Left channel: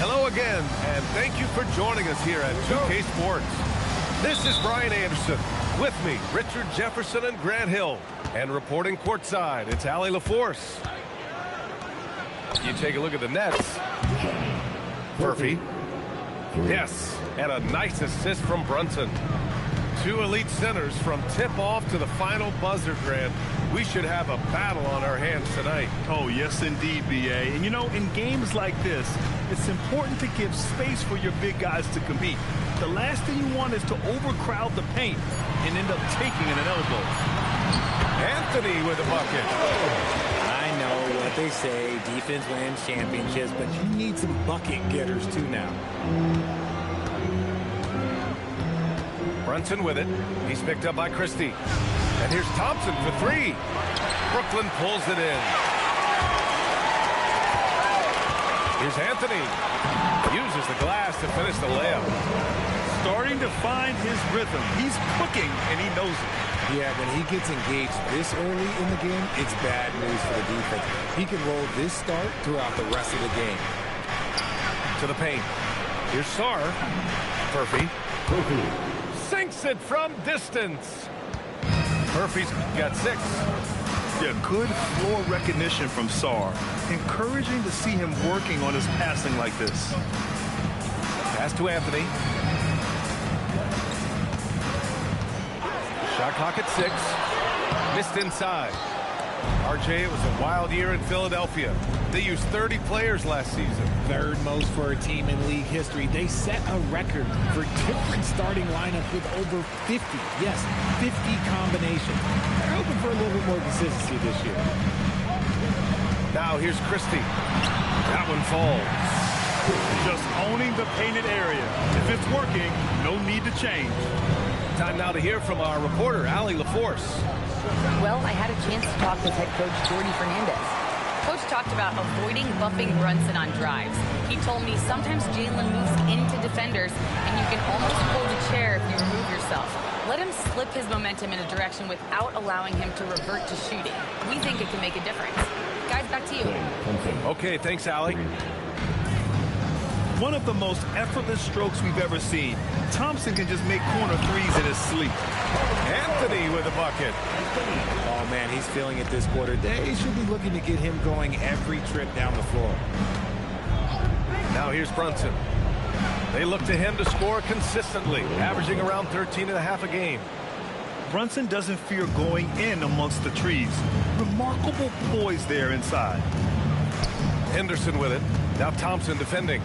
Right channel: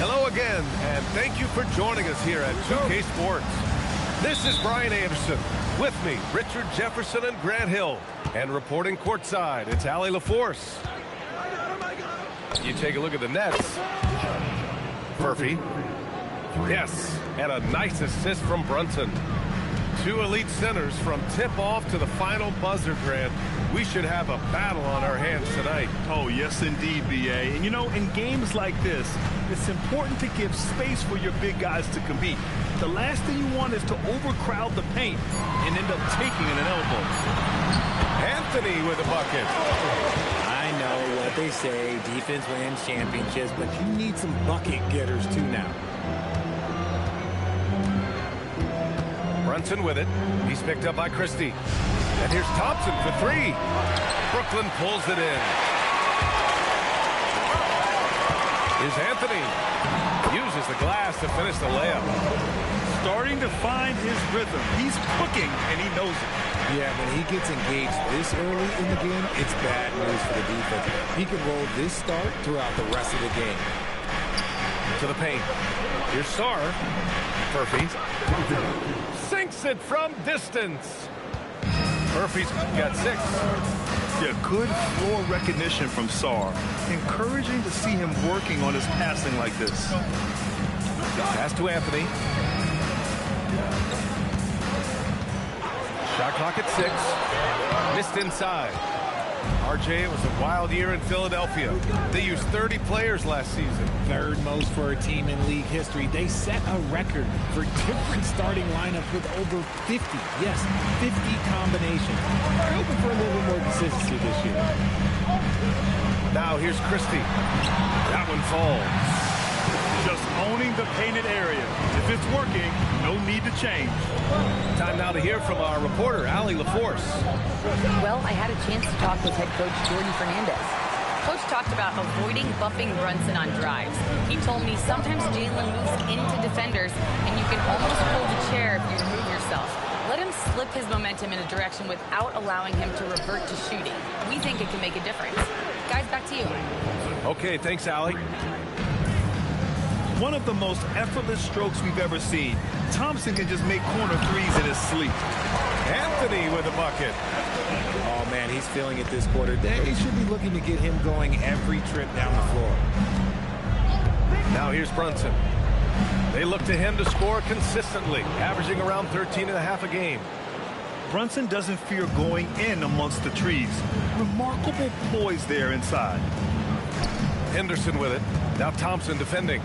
Hello again, and thank you for joining us here at 2K Sports. This is Brian Anderson. With me, Richard Jefferson and Grant Hill. And reporting courtside, it's Allie LaForce. You take a look at the Nets. Murphy. Yes, and a nice assist from Brunson. Two elite centers from tip-off to the final buzzer, Grant. We should have a battle on our hands tonight. Oh, yes, indeed, B.A. And, you know, in games like this, it's important to give space for your big guys to compete. The last thing you want is to overcrowd the paint and end up taking an elbow. Anthony with a bucket. I know what they say, defense wins championships, but you need some bucket getters too now. Brunson with it. He's picked up by Christie. And here's Thompson for three. Brooklyn pulls it in. Here's Anthony. Uses the glass to finish the layup. Starting to find his rhythm. He's cooking, and he knows it. Yeah, when he gets engaged this early in the game, it's bad news for the defense. He can roll this start throughout the rest of the game. To the paint. Here's Sarr. Murphy. Sinks it from distance. Murphy's got 6. Yeah, good floor recognition from Sarr. Encouraging to see him working on his passing like this. Pass to Anthony. Shot clock at 6. Missed inside. RJ, it was a wild year in Philadelphia. They used 30 players last season. Third most for a team in league history. They set a record for different starting lineups with over 50. Yes, 50 combinations. They're hoping for a little bit more consistency this year. Now here's Christie. That one falls. Just owning the painted area. If it's working, no need to change. Time now to hear from our reporter, Allie LaForce. Well, I had a chance to talk with head coach Jordy Fernandez. Coach talked about avoiding buffing Brunson on drives. He told me sometimes Jalen moves into defenders, and you can almost pull the chair if you remove yourself. Let him slip his momentum in a direction without allowing him to revert to shooting. We think it can make a difference. Guys, back to you. Okay, thanks, Allie. One of the most effortless strokes we've ever seen. Thompson can just make corner threes in his sleep. Anthony with a bucket. Oh, man, he's feeling it this quarter. They should be looking to get him going every trip down the floor. Now here's Brunson. They look to him to score consistently, averaging around 13.5 a game. Brunson doesn't fear going in amongst the trees. Remarkable poise there inside. Henderson with it. Now Thompson defending.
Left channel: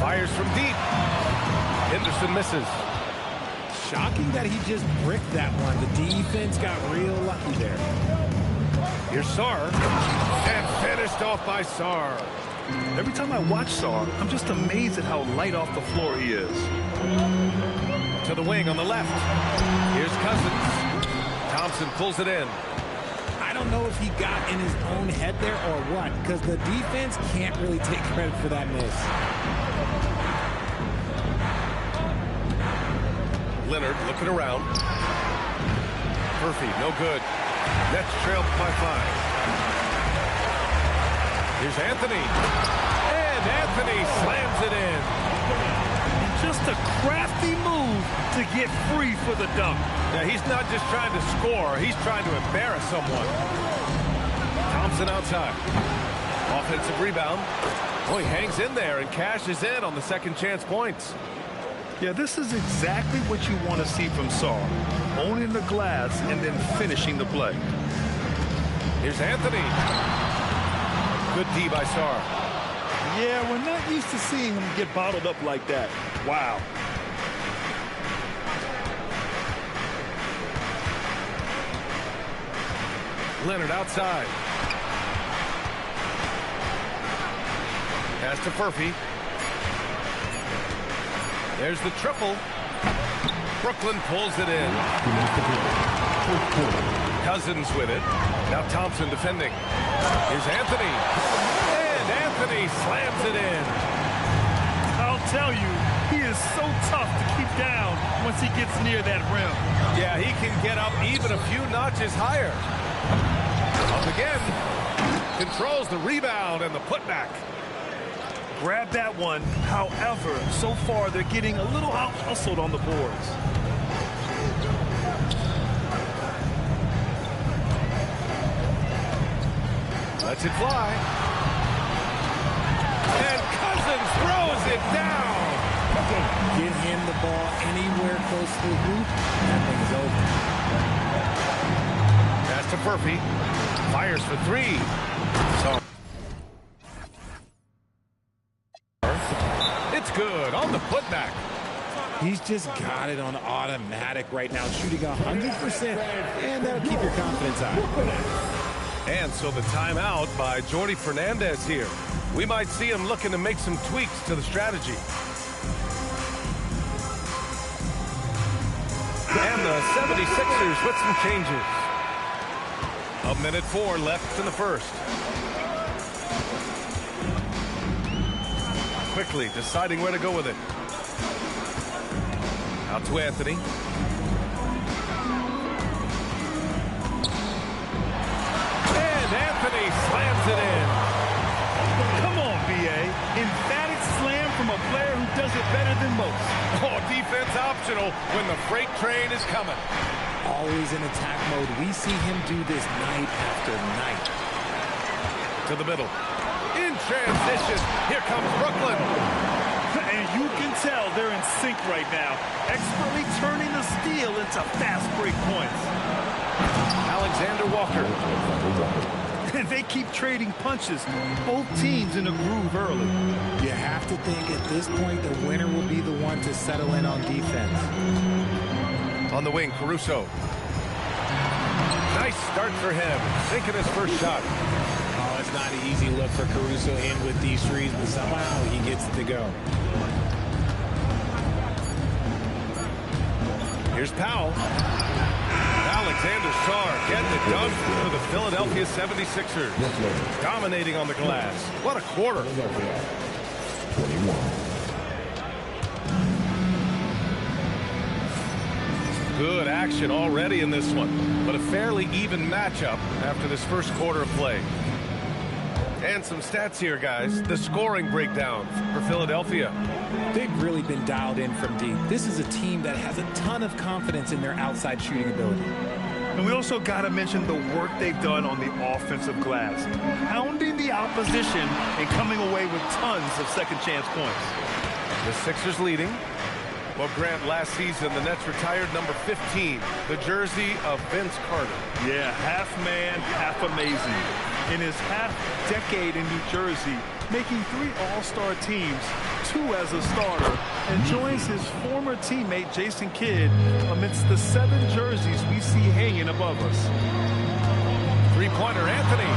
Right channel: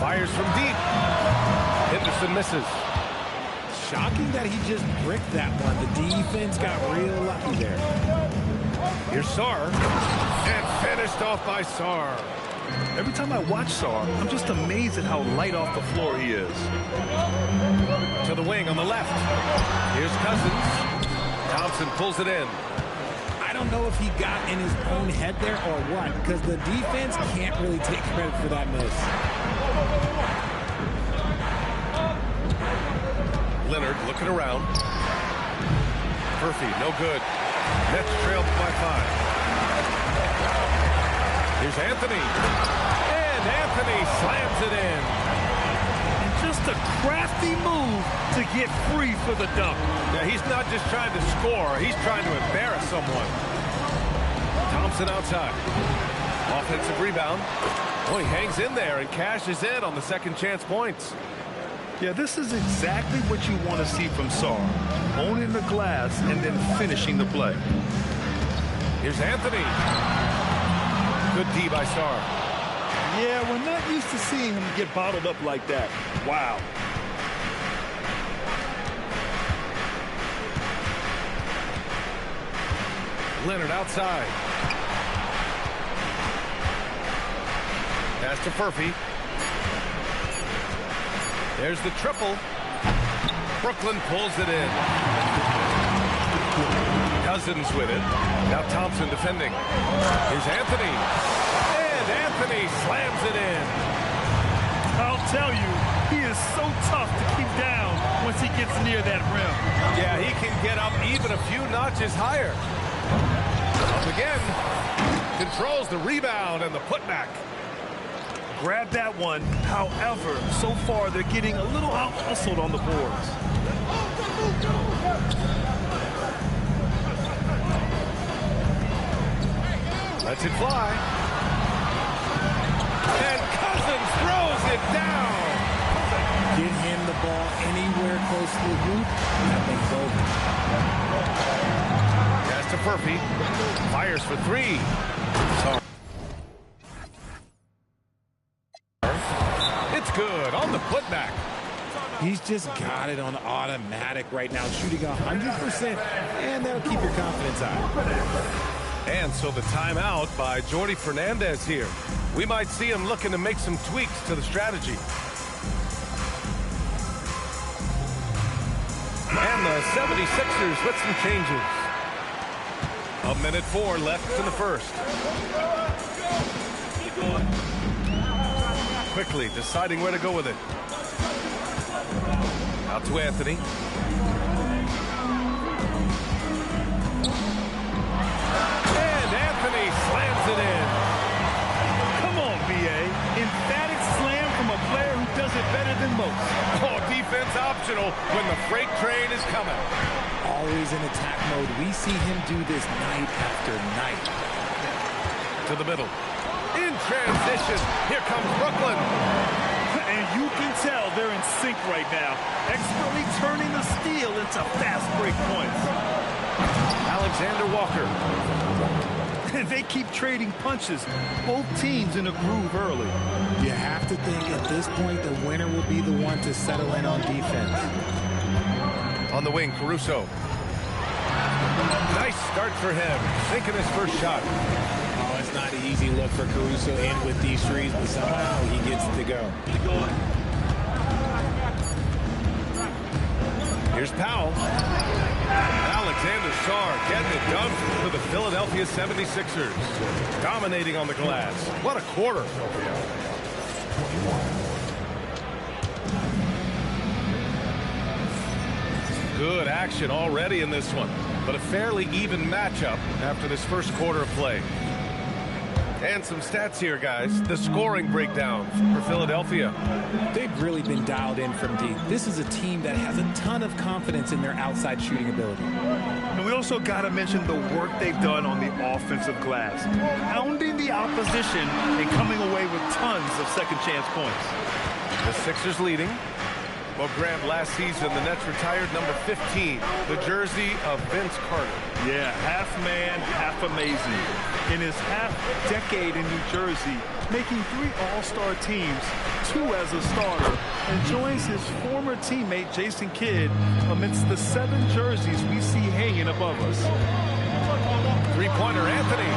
Fires from deep. Henderson misses. Shocking that he just bricked that one. The defense got real lucky there. Here's Sarr. And finished off by Sarr. Every time I watch Sarr, I'm just amazed at how light off the floor he is. To the wing on the left. Here's Cousins. Thompson pulls it in. I don't know if he got in his own head there or what, because the defense can't really take credit for that miss. Leonard looking around. Murphy, no good. Nets trailed by 5. Here's Anthony. And Anthony slams it in. And just a crafty move to get free for the dunk. Yeah, he's not just trying to score. He's trying to embarrass someone. Thompson outside. Offensive rebound. Oh, he hangs in there and cashes in on the second chance points. Yeah, this is exactly what you want to see from Sarr. Owning the glass and then finishing the play. Here's Anthony. Good D by Sarr. Yeah, we're not used to seeing him get bottled up like that. Wow. Leonard outside. Pass to Murphy. There's the triple. Brooklyn pulls it in. Cousins with it. Now Thompson defending. Here's Anthony. And Anthony slams it in. I'll tell you, he is so tough to keep down once he gets near that rim. Yeah, he can get up even a few notches higher. Up again. Controls the rebound and the putback. Grab that one. However, so far they're getting a little out-hustled on the boards. Lets it fly. And Cousins throws it down. Get him the ball anywhere close to the hoop, that thing's over. Pass to Furphy. Fires for three. So it's good on the putback. He's just got it on automatic right now, shooting 100%, and that'll keep your confidence high. And so the timeout by Jordi Fernandez here. We might see him looking to make some tweaks to the strategy. And the 76ers with some changes. 1:04 left in the first. Quickly deciding where to go with it. Out to Anthony. And Anthony slams it in. Come on, B.A. Emphatic slam from a player who does it better than most. Oh, defense optional when the freight train is coming. Always in attack mode. We see him do this night after night. To the middle. In transition, here comes Brooklyn. And you can tell they're in sync right now, expertly turning the steal into fast break points. Alexander Walker. And they keep trading punches, both teams in a groove early. You have to think at this point the winner will be the one to settle in on defense. On the wing, Caruso. Nice start for him, sinking his first shot. Oh, it's not an easy look for Caruso in with these threes, but somehow he gets it to go. Here's Powell. Alexander Sarr getting it done for the Philadelphia 76ers. Dominating on the glass. What a quarter. 21. Good action already in this one, but a fairly even matchup after this first quarter of play. And some stats here, guys. The scoring breakdown for Philadelphia. They've really been dialed in from deep. This is a team that has a ton of confidence in their outside shooting ability. And we also got to mention the work they've done on the offensive glass, pounding the opposition and coming away with tons of second chance points. The Sixers leading. Well, Grant, last season, the Nets retired number 15, the jersey of Vince Carter. Yeah, half man, half amazing. In his half-decade in New Jersey, making 3 All-Star teams, 2 as a starter, and joins his former teammate Jason Kidd amidst the 7 jerseys we see hanging above us. Three-pointer, Anthony.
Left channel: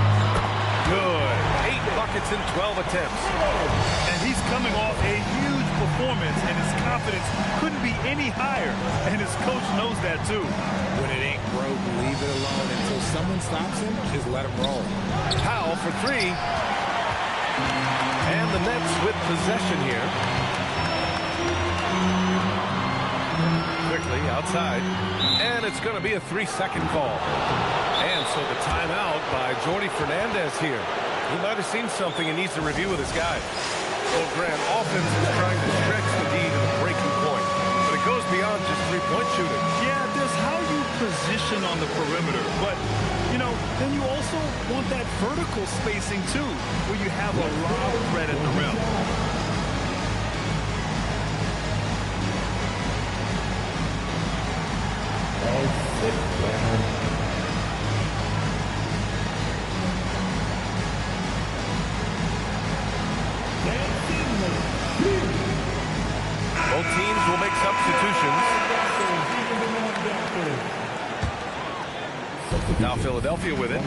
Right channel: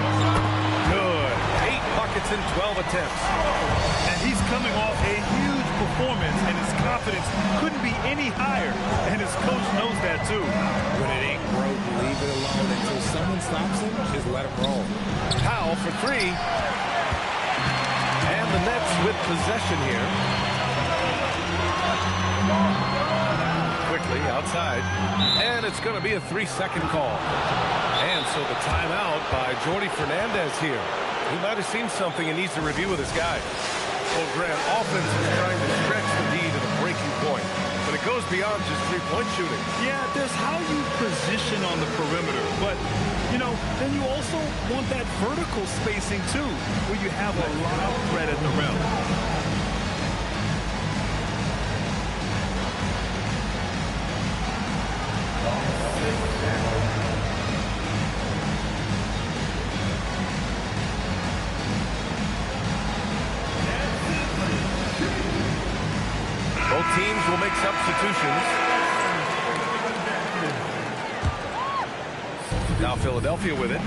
Good. 8 buckets in 12 attempts. And he's coming off a huge performance, and his confidence couldn't be any higher. And his coach knows that, too. When it ain't broke, leave it alone. Until someone stops him, just let him roll. Powell for 3. And the Nets with possession here. Quickly outside. And it's going to be a 3-second call. And so the timeout by Jordi Fernandez here. He might have seen something and needs to review with his guys. Well, Grant, offense is trying to stretch the D to the breaking point. But it goes beyond just three-point shooting. Yeah, there's how you position on the perimeter. But, you know, then you also want that vertical spacing, too, where you have a lot of threat at the rim. Both teams will make substitutions. Now Philadelphia with it.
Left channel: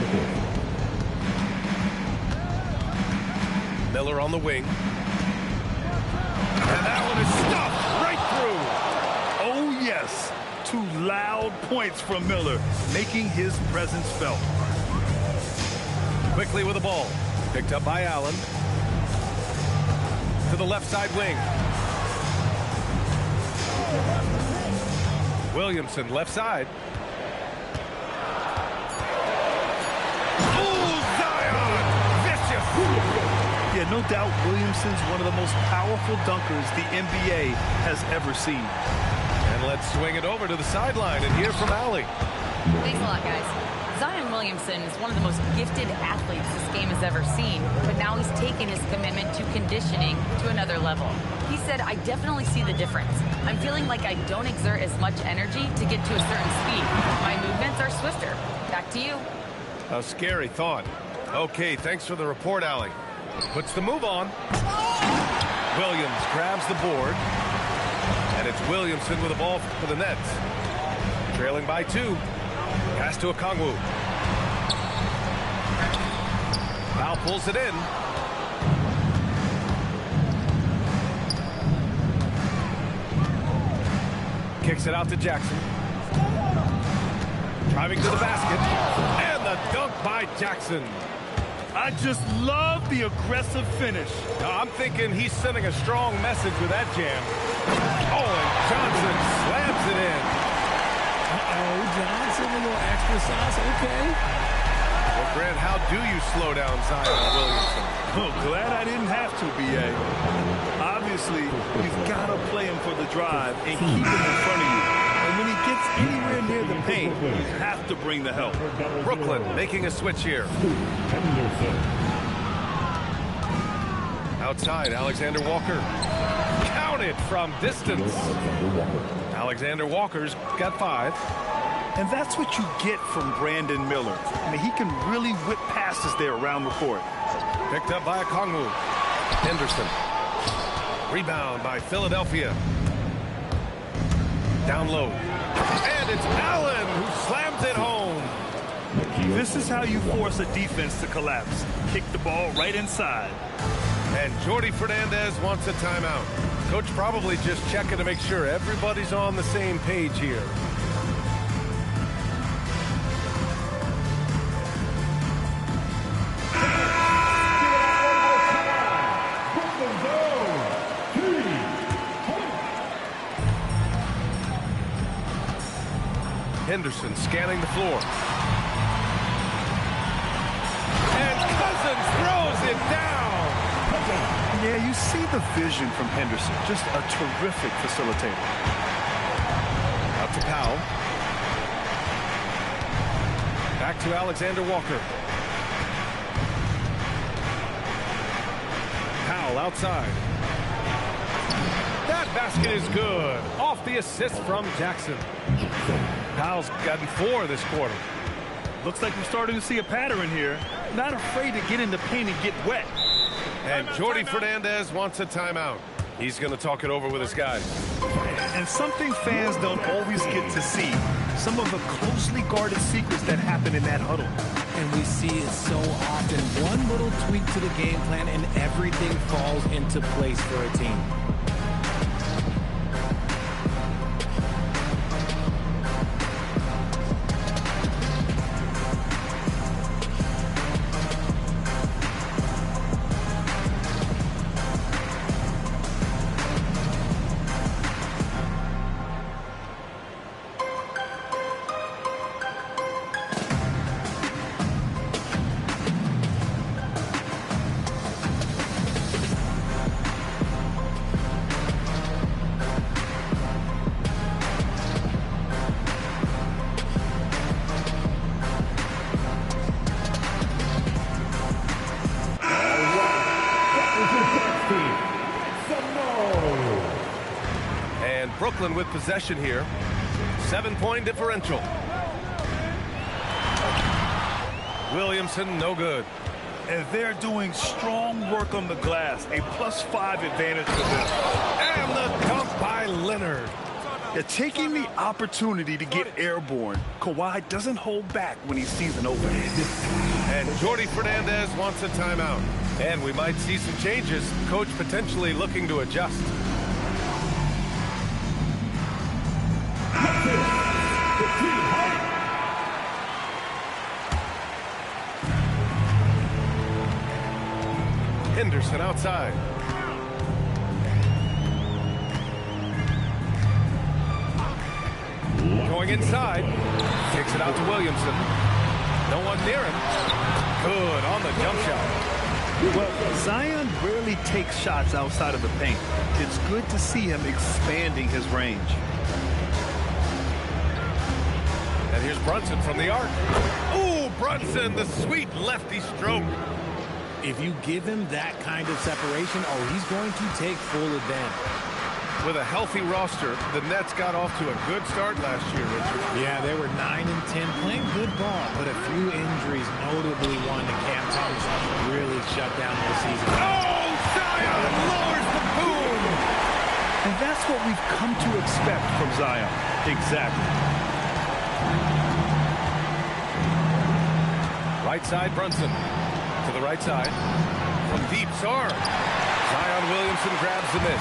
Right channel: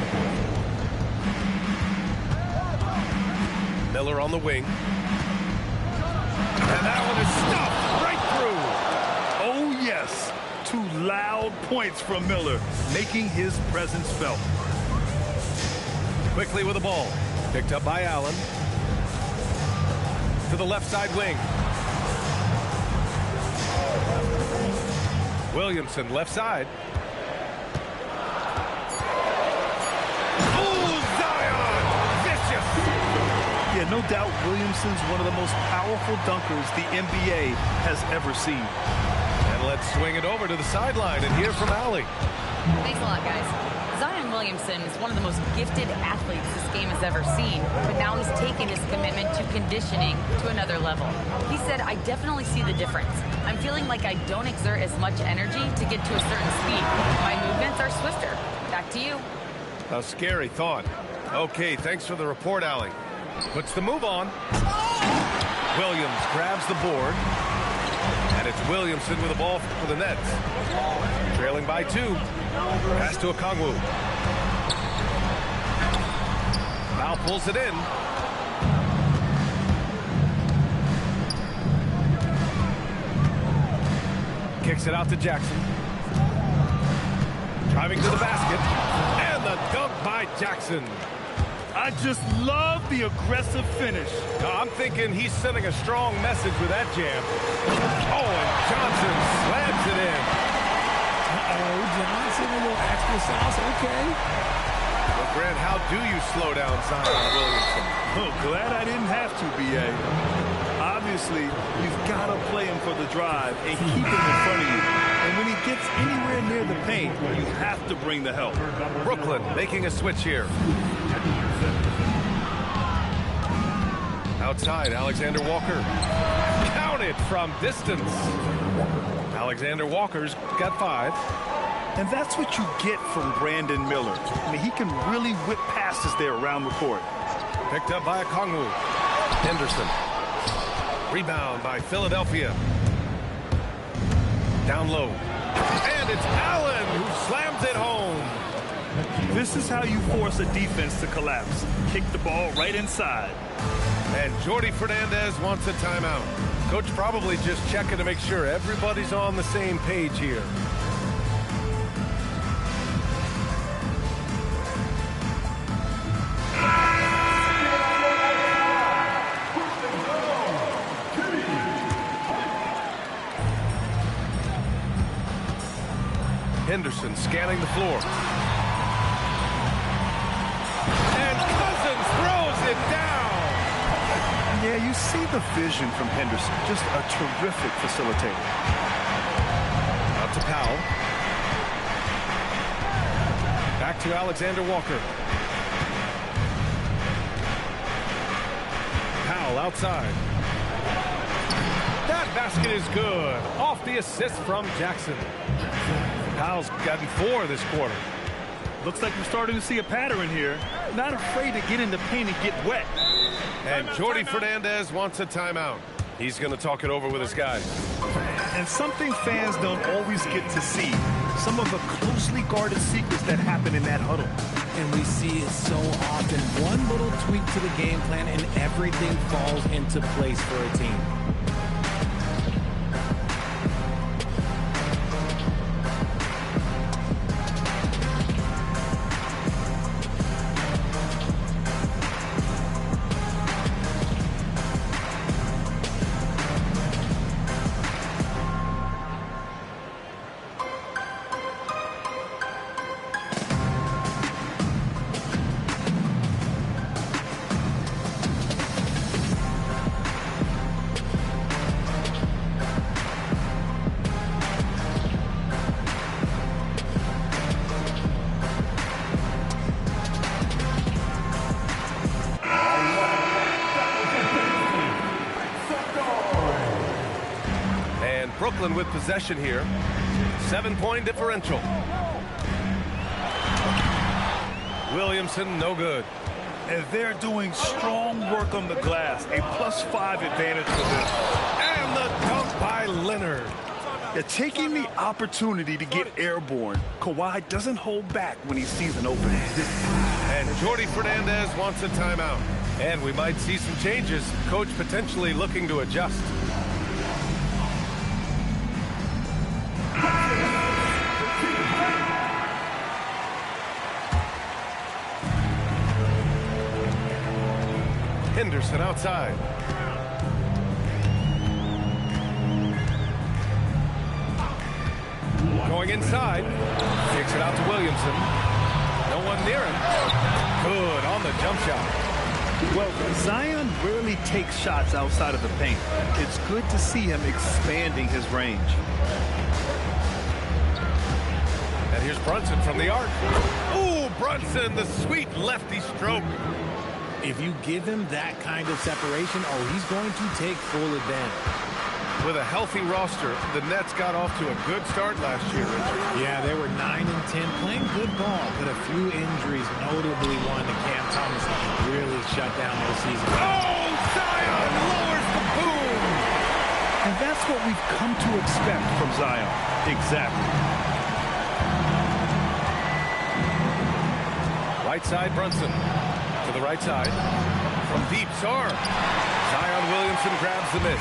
Miller on the wing. And that one is stuffed right through. Oh, yes. 2 loud points from Miller, making his presence felt. Quickly with the ball. Picked up by Allen. To the left side wing. Williamson, left side. Oh, Zion! Yeah, no doubt Williamson's one of the most powerful dunkers the NBA has ever seen. And let's swing it over to the sideline and hear from Allie. Thanks a lot, guys. Zion Williamson is one of the most gifted athletes this game has ever seen, but now he's taken his commitment to conditioning to another level. He said, I definitely see the difference. I'm feeling like I don't exert as much energy to get to a certain speed. My movements are swifter. Back to you. A scary thought. Okay, thanks for the report, Allie. Puts the move on. Williams grabs the board. And it's Williamson with the ball for the Nets. Trailing by 2. Pass to Okongwu. Foul pulls it in. Kicks it out to Jackson. Driving to the basket. And the dunk by Jackson. I just love the aggressive finish. I'm thinking he's sending a strong message with that jam. Oh, and Johnson slams it in. Uh-oh, Johnson, a little extra sauce, okay. Well, Grant, how do you slow down Zion Williamson? Oh, glad I didn't have to, B.A. Obviously, you've got to play him for the drive and keep him in front of you. And when he gets anywhere near the paint, you have to bring the help. Brooklyn making a switch here. Outside, Alexander Walker. Counted from distance. Alexander Walker's got 5. And that's what you get from Brandon Miller. I mean, he can really whip passes there around the court. Picked up by Okongwu. Henderson. Rebound by Philadelphia. Down low. And it's Allen who slams it home. This is how you force a defense to collapse. Kick the ball right inside. And Jordi Fernandez wants a timeout. Coach probably just checking to make sure everybody's on the same page here. Henderson scanning the floor. And Cousins throws it down. Yeah, you see the vision from Henderson. Just a terrific facilitator. Out to Powell. Back to Alexander Walker. Powell outside. That basket is good. Off the assist from Jackson. Powell's gotten 4 this quarter. Looks like we're starting to see a pattern here. Not afraid to get in the paint and get wet. And Jordi Fernandez wants a timeout. He's going to talk it over with his guys. And something fans don't always get to see. Some of the closely guarded secrets that happen in that huddle. And we see it so often. One little tweak to the game plan and everything falls into place for a team. Brooklyn with possession here. 7-point differential. Williamson, no good. And they're doing strong work on the glass. A +5 advantage for them. And the dunk by Leonard. They're taking the opportunity to get airborne. Kawhi doesn't hold back when he sees an opening. And Jordi Fernandez wants a timeout. And we might see some changes. Coach potentially looking to adjust. Henderson outside. Going inside. Kicks it out to Williamson. No one near him. Good on the jump shot. Well, Zion rarely takes shots outside of the paint. It's good to see him expanding his range. And here's Brunson from the arc. Ooh, Brunson, the sweet lefty stroke. If you give him that kind of separation, oh, he's going to take full advantage. With a healthy roster, the Nets got off to a good start last year, Richard. Yeah, they were 9 and 10, playing good ball, but a few injuries, notably one to Cam Thomas, really shut down their season. Oh, Zion lowers the boom! And that's what we've come to expect from Zion. Exactly. Right side, Brunson. To the right side. From deep, Sarr. Zion Williamson grabs the miss.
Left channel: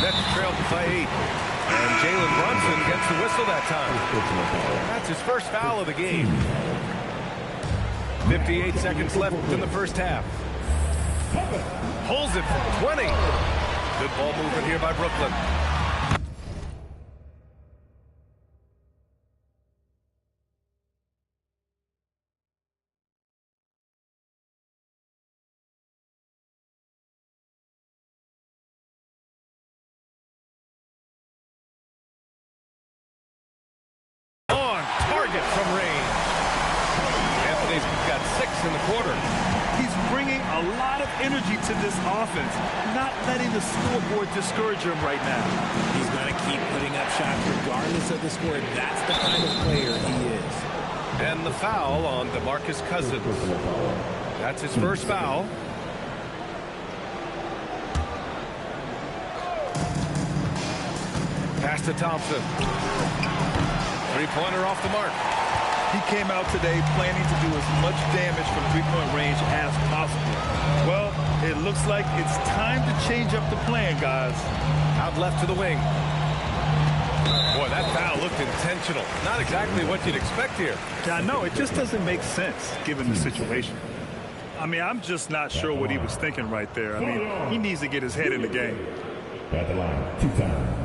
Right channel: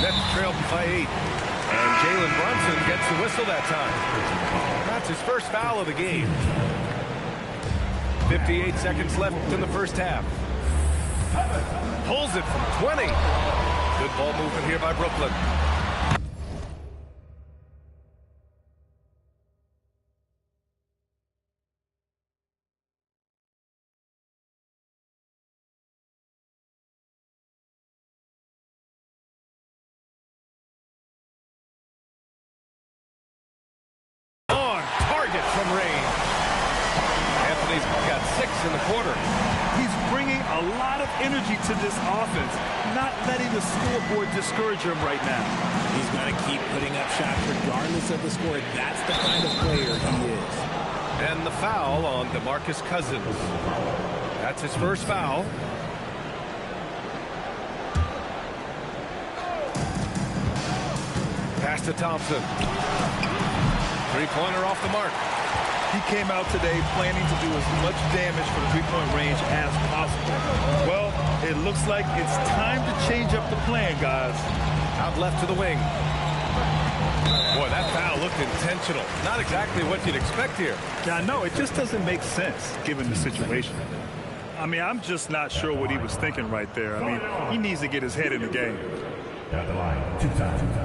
Nets trail by 8. And Jalen Brunson gets the whistle that time. That's his first foul of the game. 58 seconds left in the first half. Pulls it from 20. Good ball movement here by Brooklyn. Target from range. Anthony's got 6 in the quarter. He's bringing a lot of energy to this offense, not letting the scoreboard discourage him right now. He's going to keep putting up shots regardless of the score. That's the kind of player he is. And the foul on DeMarcus Cousins. That's his first foul. Pass to Thompson. Three-pointer off the mark. He came out today planning to do as much damage from three-point range as possible. Well, it looks like it's time to change up the plan, guys. Out left to the wing. Boy, that foul looked intentional. Not exactly what you'd expect here. Yeah, I know. It just doesn't make sense given the situation. I mean, I'm just not sure what he was thinking right there. I mean, he needs to get his head in the game. At the line, 2 times.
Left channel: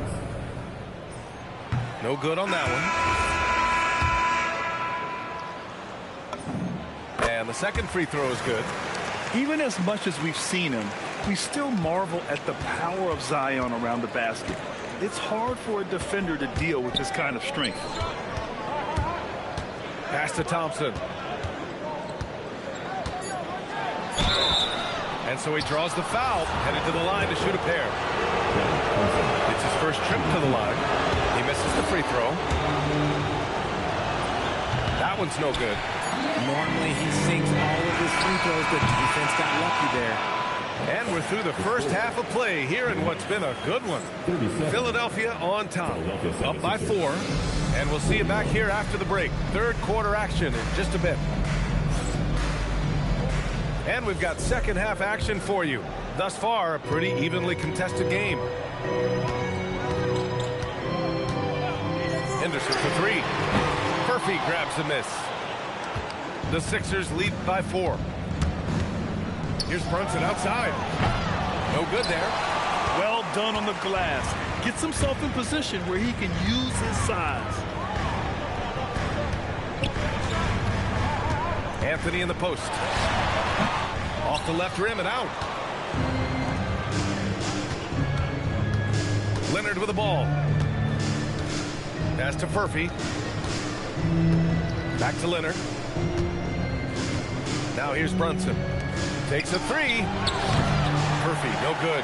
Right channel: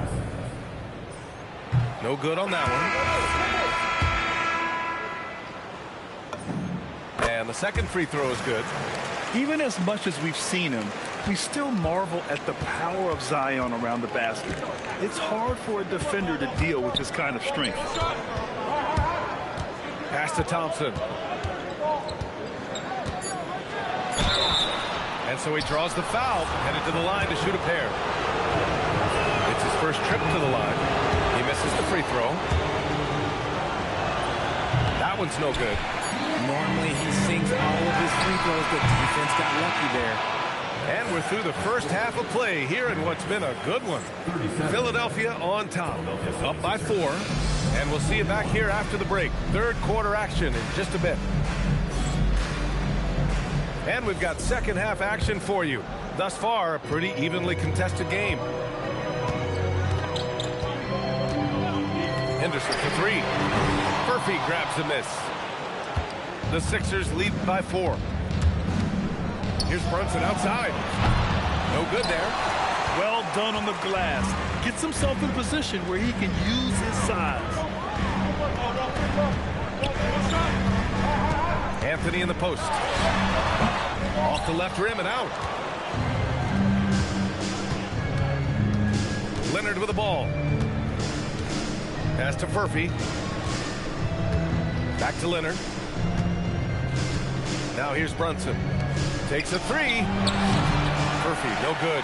No good on that one. And the second free throw is good. Even as much as we've seen him, we still marvel at the power of Zion around the basket. It's hard for a defender to deal with this kind of strength. Pass to Thompson. And so he draws the foul, headed to the line to shoot a pair. It's his first trip to the line. He misses the free throw. That one's no good. Normally he sinks all of his free throws. The defense got lucky there. And we're through the first half of play here in what's been a good one. Philadelphia on top, up by 4. And we'll see you back here after the break. Third quarter action in just a bit. And we've got second half action for you. Thus far, a pretty evenly contested game. Henderson for 3. Murphy grabs a miss. The Sixers lead by 4. Here's Brunson outside. No good there. Well done on the glass. Gets himself in position where he can use his size. Anthony in the post. Off the left rim and out. Leonard with the ball. Pass to Murphy. Back to Leonard. Now here's Brunson. Takes a 3. Murphy, no good.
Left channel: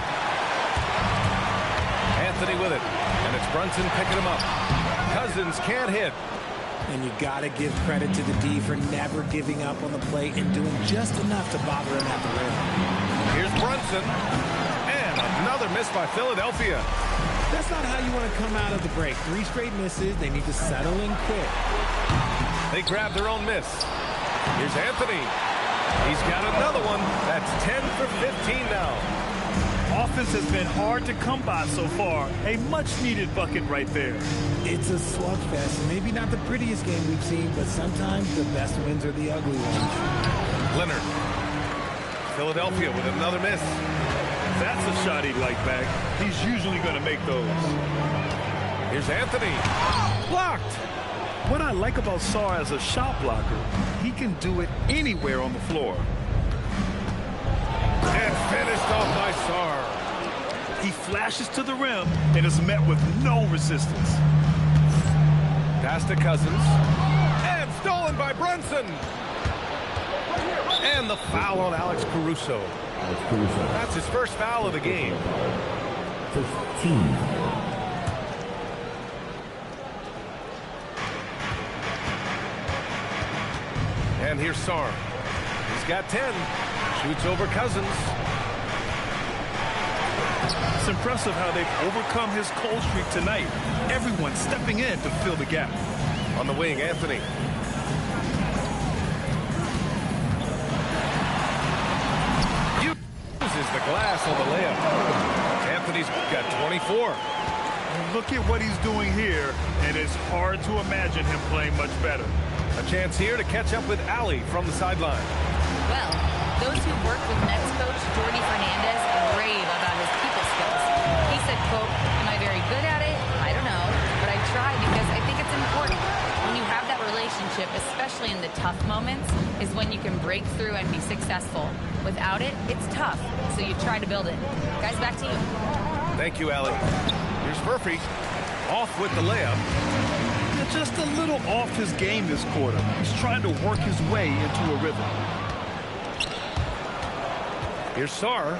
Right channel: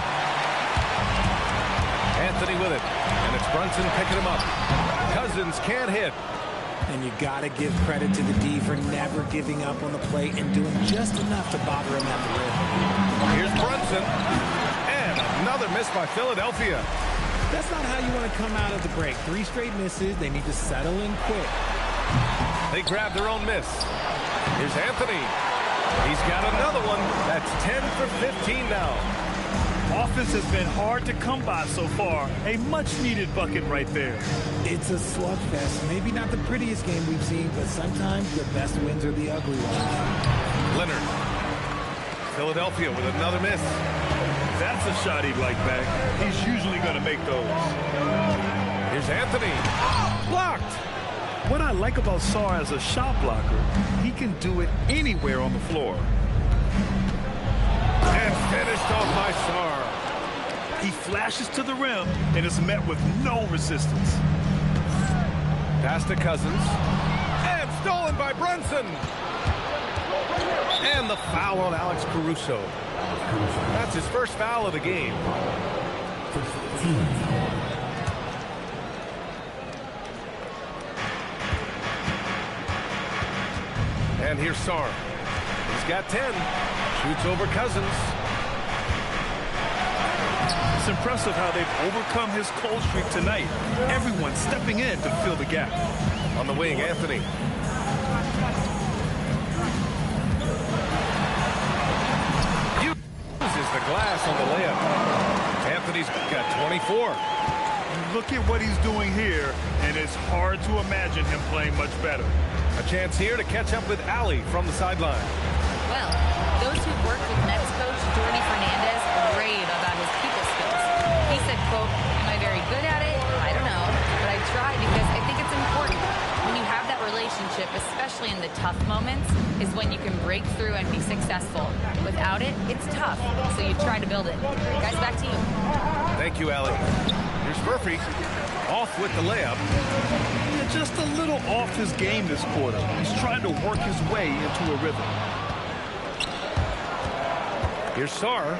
Anthony with it. And it's Brunson picking him up. Cousins can't hit. And you got to give credit to the D for never giving up on the plate and doing just enough to bother him at the rim. Here's Brunson. And another miss by Philadelphia. That's not how you want to come out of the break. 3 straight misses. They need to settle in quick. They grab their own miss. Here's Anthony. He's got another one. That's 10 for 15 now. Offense has been hard to come by so far. A much-needed bucket right there. It's a slugfest. Maybe not the prettiest game we've seen, but sometimes the best wins are the ugly ones. Leonard. Philadelphia with another miss. That's a shot he'd like back. He's usually going to make those. Here's Anthony. Blocked. What I like about Sarr as a shot blocker, he can do it anywhere on the floor. And finished off by Sarr. He flashes to the rim and is met with no resistance. Pass to Cousins. And stolen by Brunson. And the foul on Alex Caruso. That's his first foul of the game. 15. And here's Sarr. He's got 10. Shoots over Cousins. It's impressive how they've overcome his cold streak tonight. Everyone stepping in to fill the gap. On the wing, Anthony. Uses the glass on the layup. Anthony's got 24. Look at what he's doing here, and it's hard to imagine him playing much better. A chance here to catch up with Ali from the sideline. Well, those who worked with Nets coach Jordy Fernandez rave about his people skills. He said, quote, "Am I very good at it? I don't know, but I try because I think it's important. When you have that relationship, especially in the tough moments, is when you can break through and be successful. Without it, it's tough, so you try to build it." Guys, back to you. Thank you, Ali. Here's Murphy. Off with the layup. Yeah, just a little off his game this quarter. He's trying to work his way into a rhythm. Here's Sarr.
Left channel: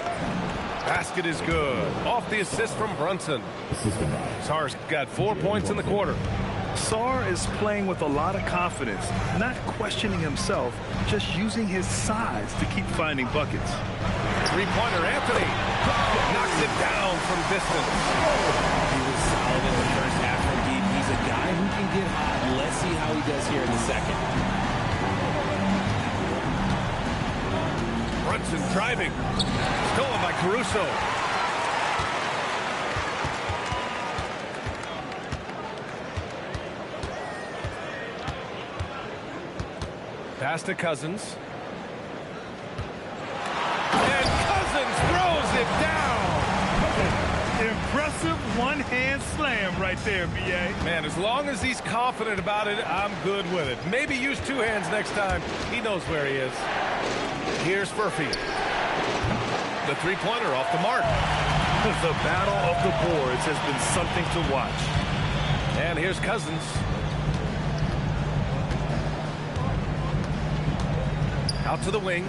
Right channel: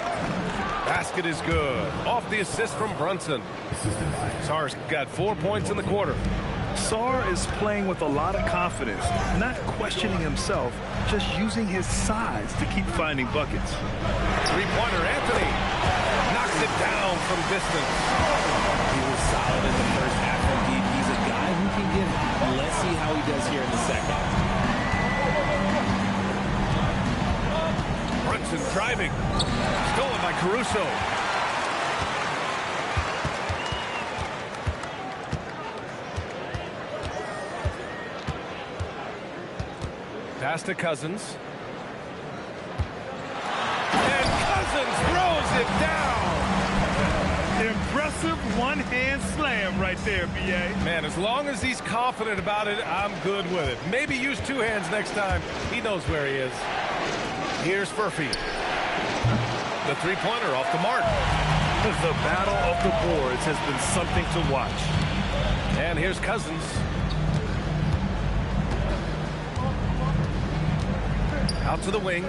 Basket is good. Off the assist from Brunson. Sarr's got 4 points in the quarter. Sarr is playing with a lot of confidence, not questioning himself, just using his size to keep finding buckets. Three-pointer, Anthony. Knocks it down from distance. He was solid in the first half from deep. He's a guy who can get hot. Let's see how he does here in the second. Brunson driving. Stolen by Caruso. Pass to Cousins. And Cousins throws it down. Impressive one-hand slam right there, B.A. Man, as long as he's confident about it, I'm good with it. Maybe use two hands next time. He knows where he is. Here's Murphy. The three-pointer off the mark. The battle of the boards has been something to watch. And here's Cousins. Out to the wing.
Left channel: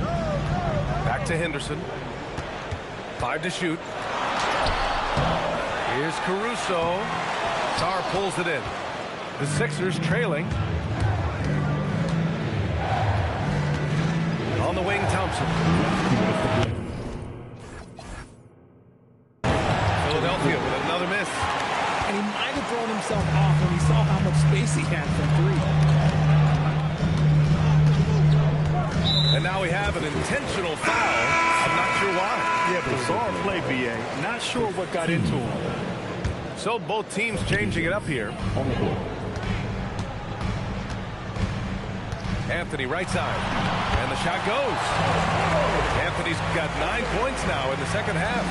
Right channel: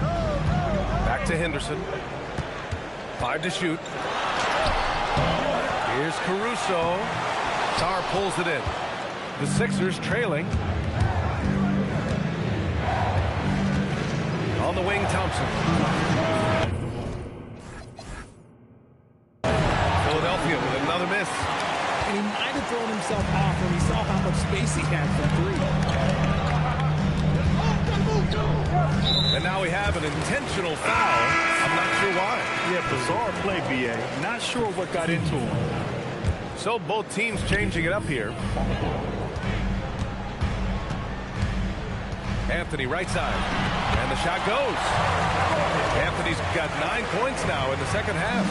Back to Henderson. 5 to shoot. Here's Caruso. Sarr pulls it in. The Sixers trailing. On the wing, Thompson. Philadelphia with another miss. And he might have thrown himself off when he saw how much space he had from three. And now we have an intentional foul. I'm not sure why. Yeah, bizarre play, B.A. Not sure what got into him. So both teams changing it up here. Anthony right side. And the shot goes. Anthony's got 9 points now in the second half.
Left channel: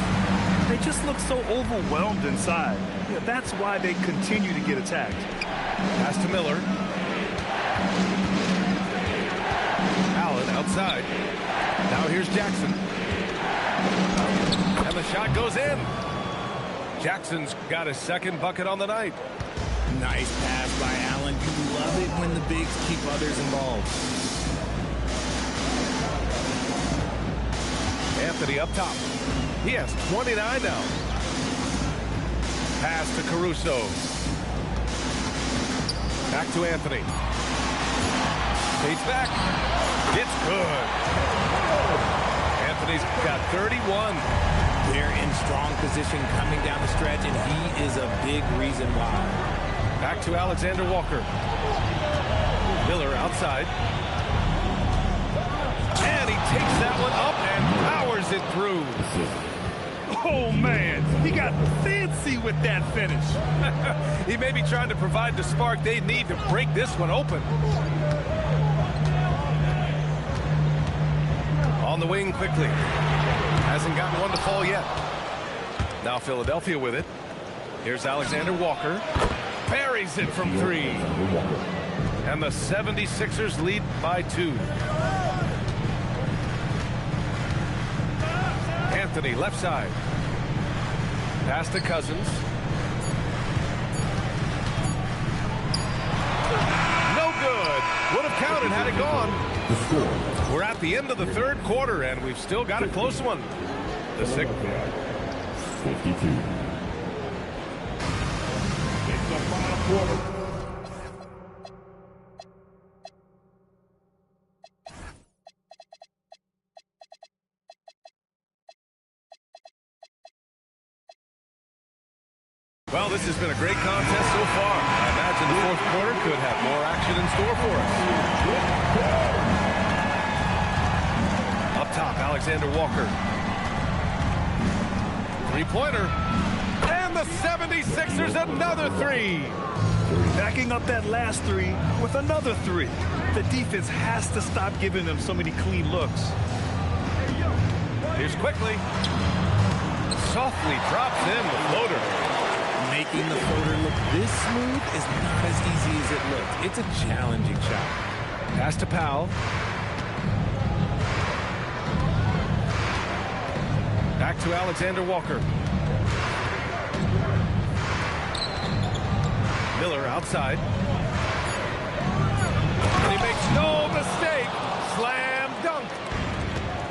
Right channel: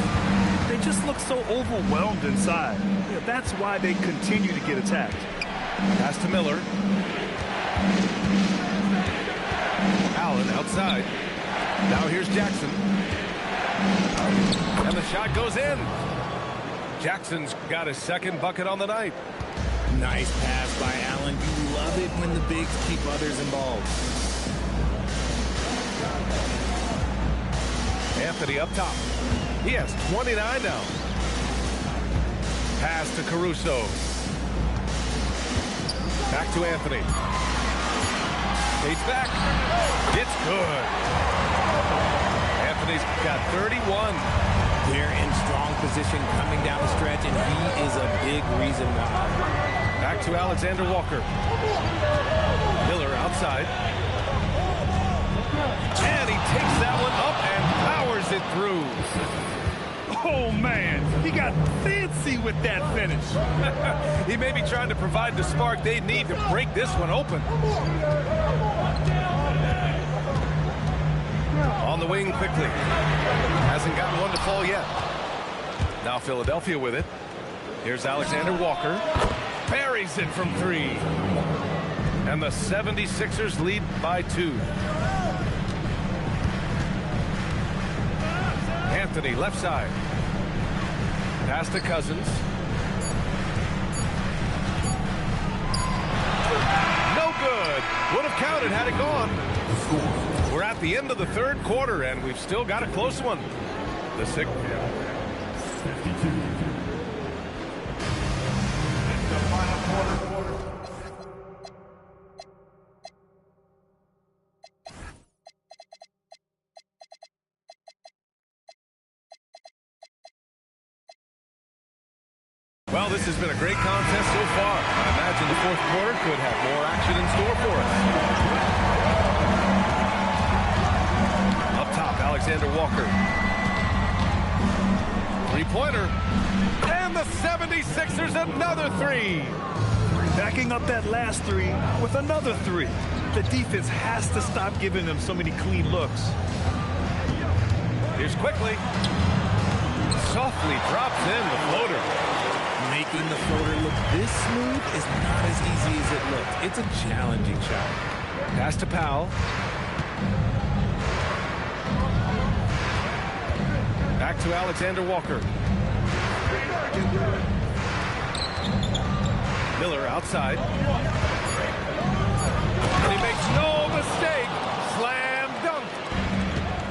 They just look so overwhelmed inside. Yeah, that's why they continue to get attacked. Pass to Miller. Allen outside. Now here's Jackson. And the shot goes in. Jackson's got his second bucket on the night. Nice pass by Allen. You love it when the bigs keep others involved. Anthony up top. He has 29 now. Pass to Caruso. Back to Anthony. Skates back. It's good. Anthony's got 31. They're in strong position coming down the stretch, and he is a big reason why. Back to Alexander Walker. Miller outside. And he takes that one up and powers it through. Oh, man. He got fancy with that finish. He may be trying to provide the spark they need to break this one open. On the wing quickly. Hasn't gotten one to fall yet. Now Philadelphia with it. Here's Alexander Walker. Buries it from 3. And the 76ers lead by 2. Anthony, left side. Pass to Cousins. No good. Would have counted had it gone. The score. We're at the end of the third quarter, and we've still got a close one. The 52. In the final quarter. Well, this has been a great contest so far. I imagine the fourth quarter could have more action in store for us. Up top, Alexander Walker. Three-pointer. And the 76ers another three. Backing up that last three with another three. The defense has to stop giving them so many clean looks. Here's quickly. Softly drops in the floater. Making the floater look this smooth is not as easy as it looked. It's a challenging shot. Pass to Powell. Back to Alexander Walker. Miller outside. And he makes no mistake. Slam dunk.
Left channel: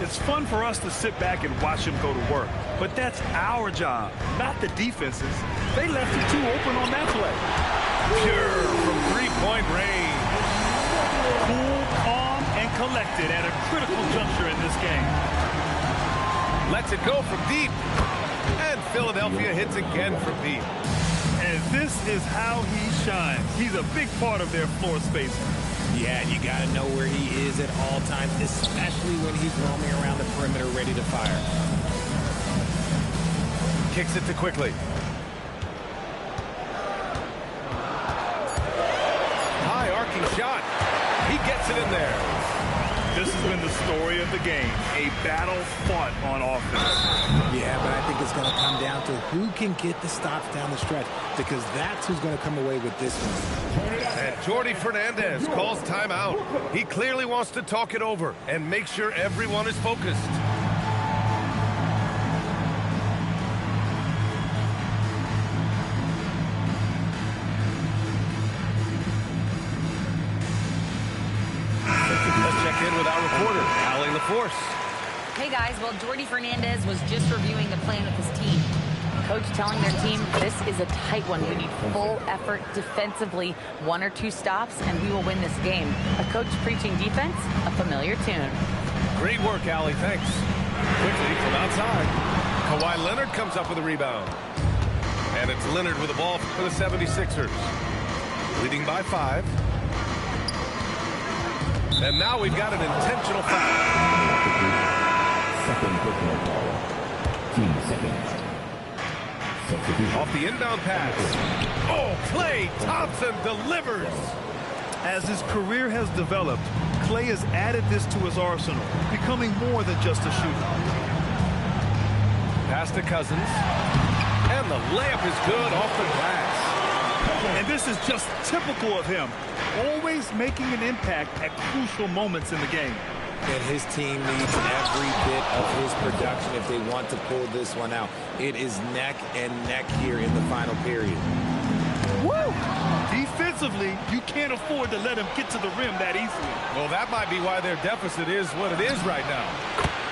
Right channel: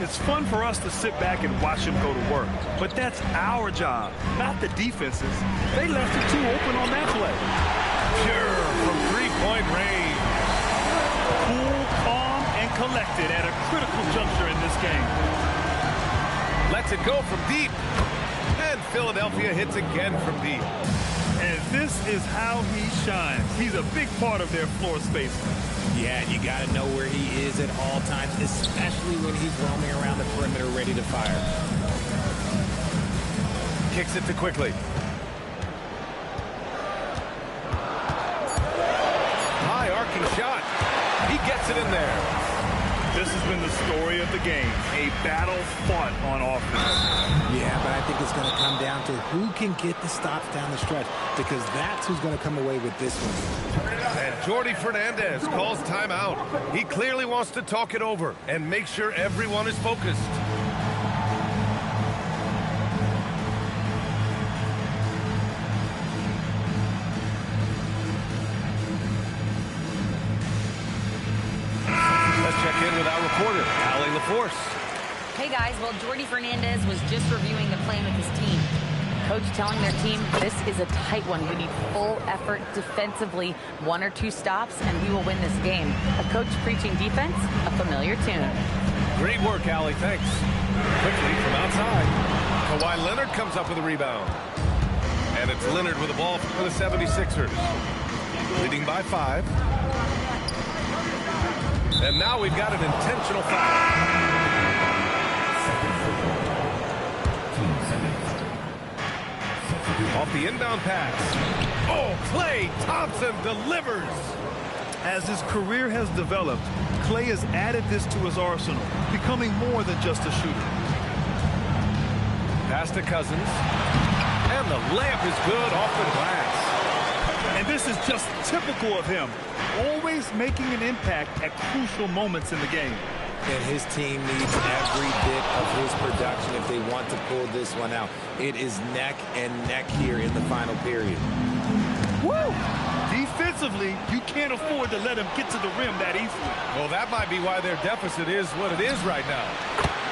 It's fun for us to sit back and watch him go to work. But that's our job, not the defense's. They left it too open on that play. Pure from three-point range. Cool, calm, and collected at a critical juncture in this game. Lets it go from deep. And Philadelphia hits again from deep. And this is how he shines. He's a big part of their floor space. Yeah, you got to know where he is at all times, especially when he's roaming around the perimeter ready to fire. Kicks it to Quickly. High arcing shot. He gets it in there. This has been the story of the game, a battle fought on offense. Yeah, but I think it's going to come down to who can get the stops down the stretch, because that's who's going to come away with this one. And Jordi Fernandez calls timeout. He clearly wants to talk it over and make sure everyone is focused. Let's check in with our reporter, Allie LaForce. Hey guys, well, Jordi Fernandez was just reviewing the plan with his team. Coach telling their team this is a tight one. We need full effort defensively, 1 or 2 stops, and we will win this game. A coach preaching defense, a familiar tune. Great work, Allie. Thanks. Quickly from outside. Kawhi Leonard comes up with a rebound. And it's Leonard with the ball for the 76ers. Leading by 5. And now we've got an intentional foul. Second football. Team seconds. Off the inbound pass. Oh, Klay Thompson delivers. As his career has developed, Klay has added this to his arsenal, becoming more than just a shooter. Pass to Cousins. And the layup is good off the glass. And this is just typical of him, always making an impact at crucial moments in the game. And his team needs every bit of his production if they want to pull this one out. It is neck and neck here in the final period. Woo! Defensively, you can't afford to let him get to the rim that easily. Well, that might be why their deficit is what it is right now.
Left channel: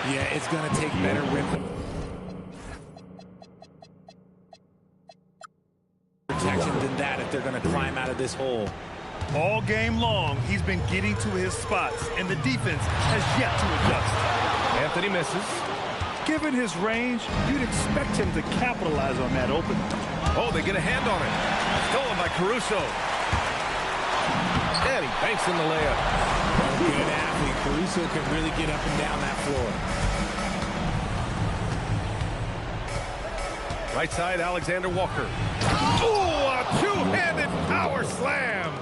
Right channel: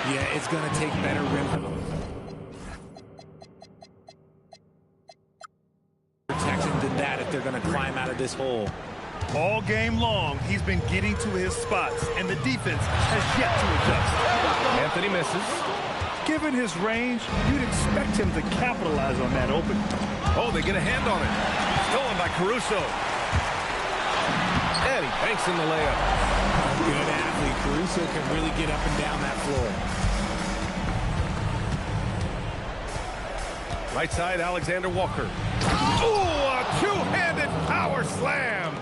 Yeah, it's going to take better rim protection than that if they're going to climb out of this hole. All game long, he's been getting to his spots, and the defense has yet to adjust. Anthony misses. Given his range, you'd expect him to capitalize on that opening. Oh, they get a hand on it. Stolen by Caruso. And he banks in the layup. A good athlete. Caruso can really get up and down that floor. Right side, Alexander Walker. Ooh, a two-handed power slam.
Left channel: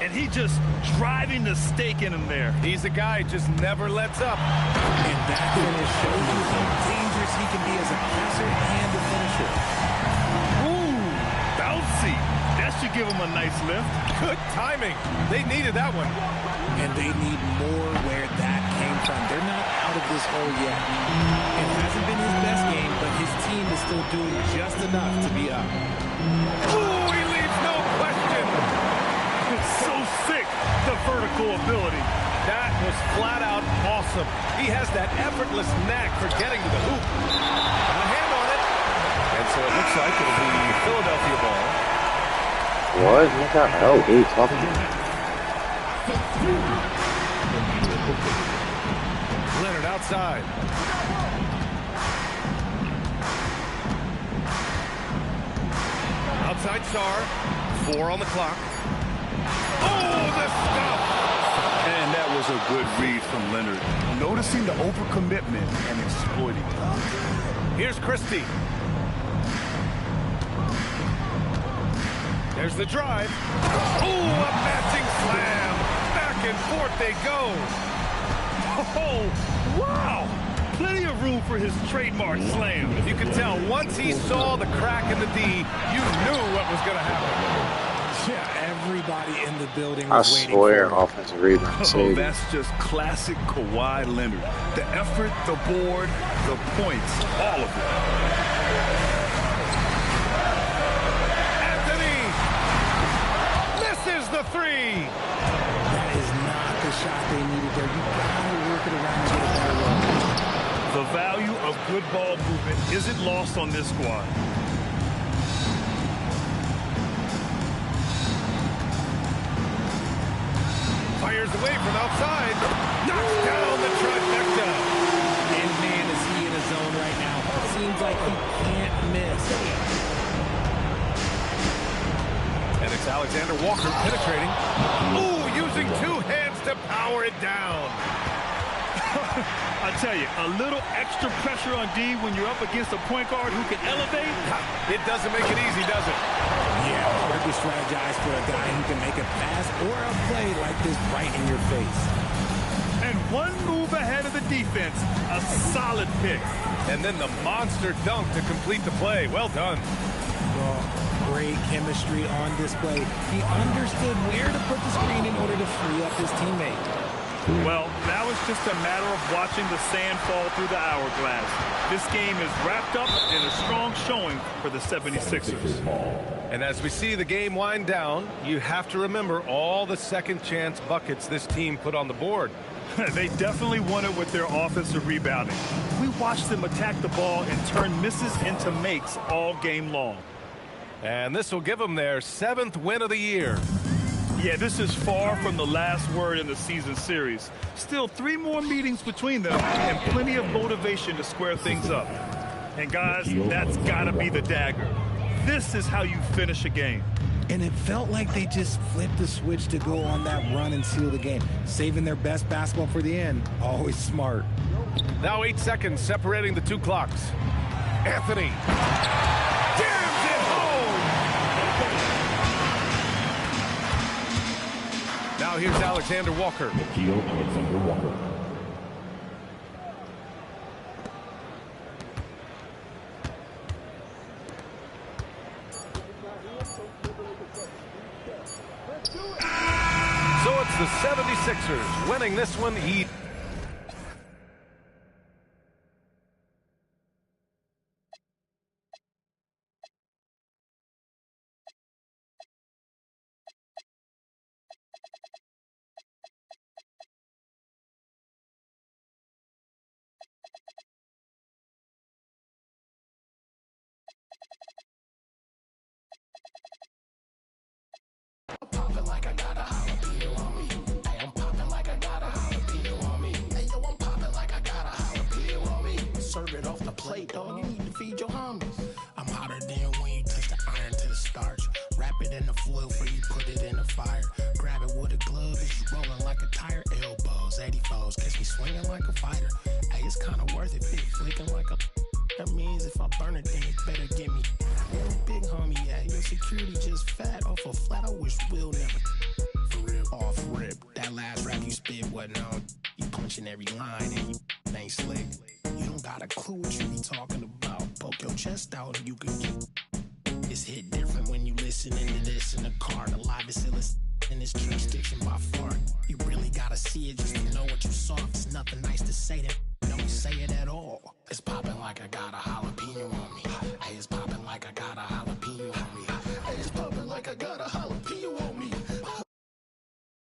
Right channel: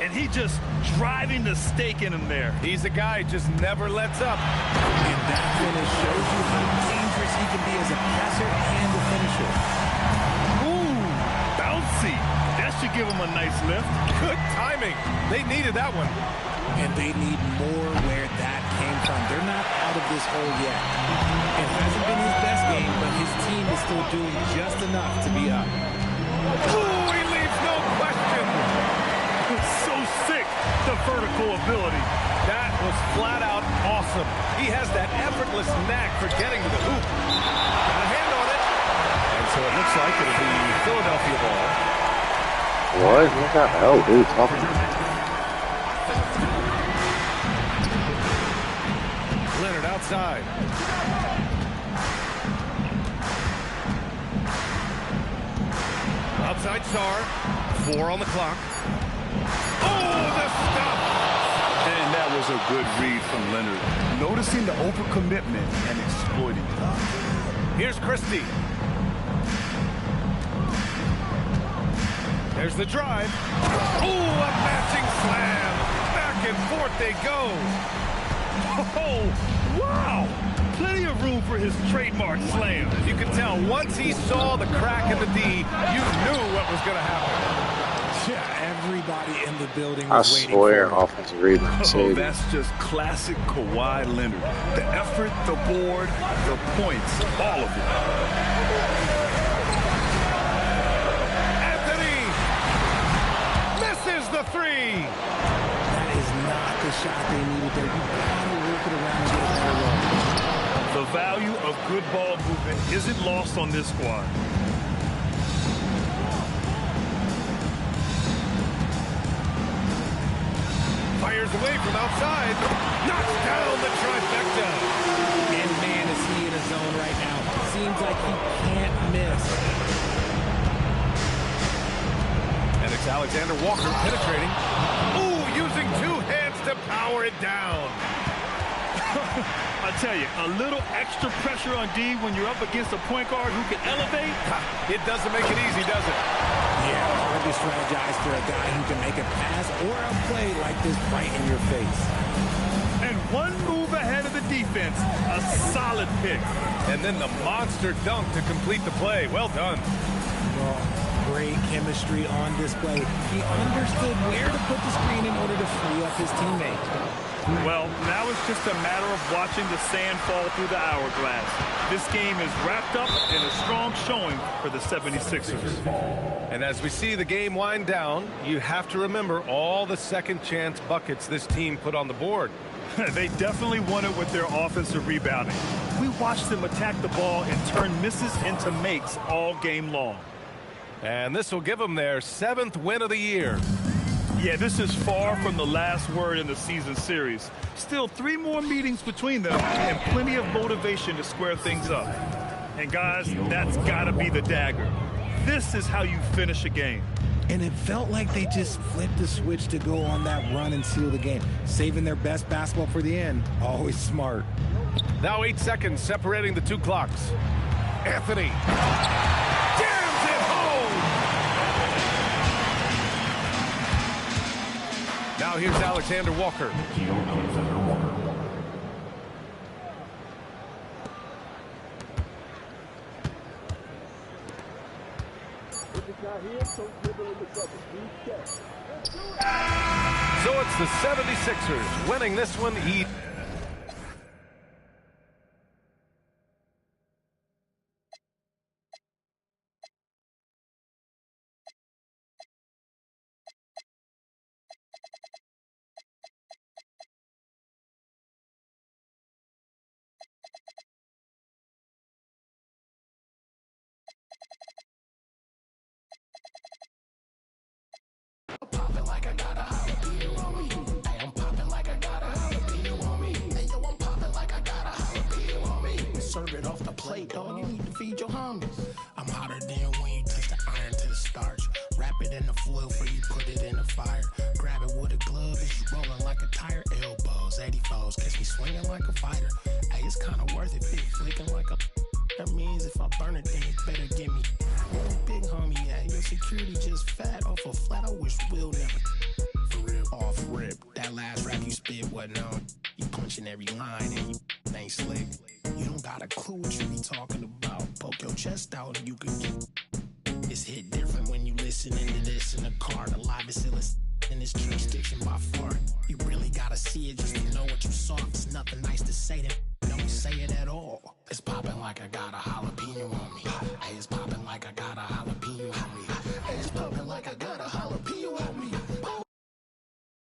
And he just driving the stake in him there. He's a guy who just never lets up. And that finish shows you how dangerous he can be as a passer and a finisher. Ooh, bouncy. That should give him a nice lift. Good timing. They needed that one. And they need more where that came time. They're not out of this hole yet. It hasn't been his best game, but his team is still doing just enough to be up. Oh, he leaves no question. It's so sick, the vertical ability. That was flat out awesome. He has that effortless knack for getting to the hoop. Got a hand on it. And so it looks like it'll be Philadelphia ball. What? What the hell are you talking about? Leonard outside. Outside Sar. 4 on the clock. Oh, the stuff! And that was a good read from Leonard. Noticing the overcommitment and exploiting it. Here's Christie. There's the drive. Oh, a matching slam. Back and forth they go. Oh, wow! Plenty of room for his trademark slam. You can tell once he saw the crack in the D, you knew what was going to happen. Yeah, everybody in the building I was waiting swear, for it. offensive rebound. Oh, that's just classic Kawhi Leonard. The effort, the board, the points, all of it. Anthony misses the 3. That is not the shot they needed there. You gotta work it around and get a better look. The value of good ball movement isn't lost on this squad. Fires away from outside. Knocks down the trifecta. And man, is he in a zone right now. Seems like he can't miss. And it's Alexander Walker penetrating. Ooh, using 2 hands to power it down. I tell you, a little extra pressure on D when you're up against a point guard who can elevate. It doesn't make it easy, does it? Yeah, hard to strategize for a guy who can make a pass or a play like this right in your face. And one move ahead of the defense, a solid pick. And then the monster dunk to complete the play. Well done. Well, great chemistry on display. He understood where to put the screen in order to free up his teammate. Well, now it's just a matter of watching the sand fall through the hourglass. This game is wrapped up in a strong showing for the 76ers. And as we see the game wind down, you have to remember all the second chance buckets this team put on the board. They definitely won it with their offensive rebounding. We watched them attack the ball and turn misses into makes all game long. And this will give them their 7th win of the year. Yeah, this is far from the last word in the season series. Still 3 more meetings between them and plenty of motivation to square things up. And guys, that's got to be the dagger. This is how you finish a game. And it felt like they just flipped the switch to go on that run and seal the game. Saving their best basketball for the end. Always smart. Now 8 seconds separating the 2 clocks. Anthony jams it home. Now here's Alexander Walker. Alexander Walker. So it's the 76ers winning this one. Serve it off the plate, dog. You need to feed your homies. I'm hotter than when you touch the iron to the starch. Wrap it in the foil before you put it in the fire. Grab it with a glove as you rolling like a tire. Elbows, 84s, catch me swinging like a fighter. Hey, it's kind of worth it, big flicking like a... That means if I burn it, then you better give me... Big homie, yeah, your security just fat off a flat. I wish Will never... For real, off rip. That last rap you spit wasn't on. You punching every line and you ain't slick. You don't got a clue what you be talking about. Poke your chest out and you can get... It's hit different when you listening to this in the car. The live is illustrated. and it's tree sticks and by far. You really gotta see it just to know what you saw. It's nothing nice to say that don't say it at all. It's popping like I got a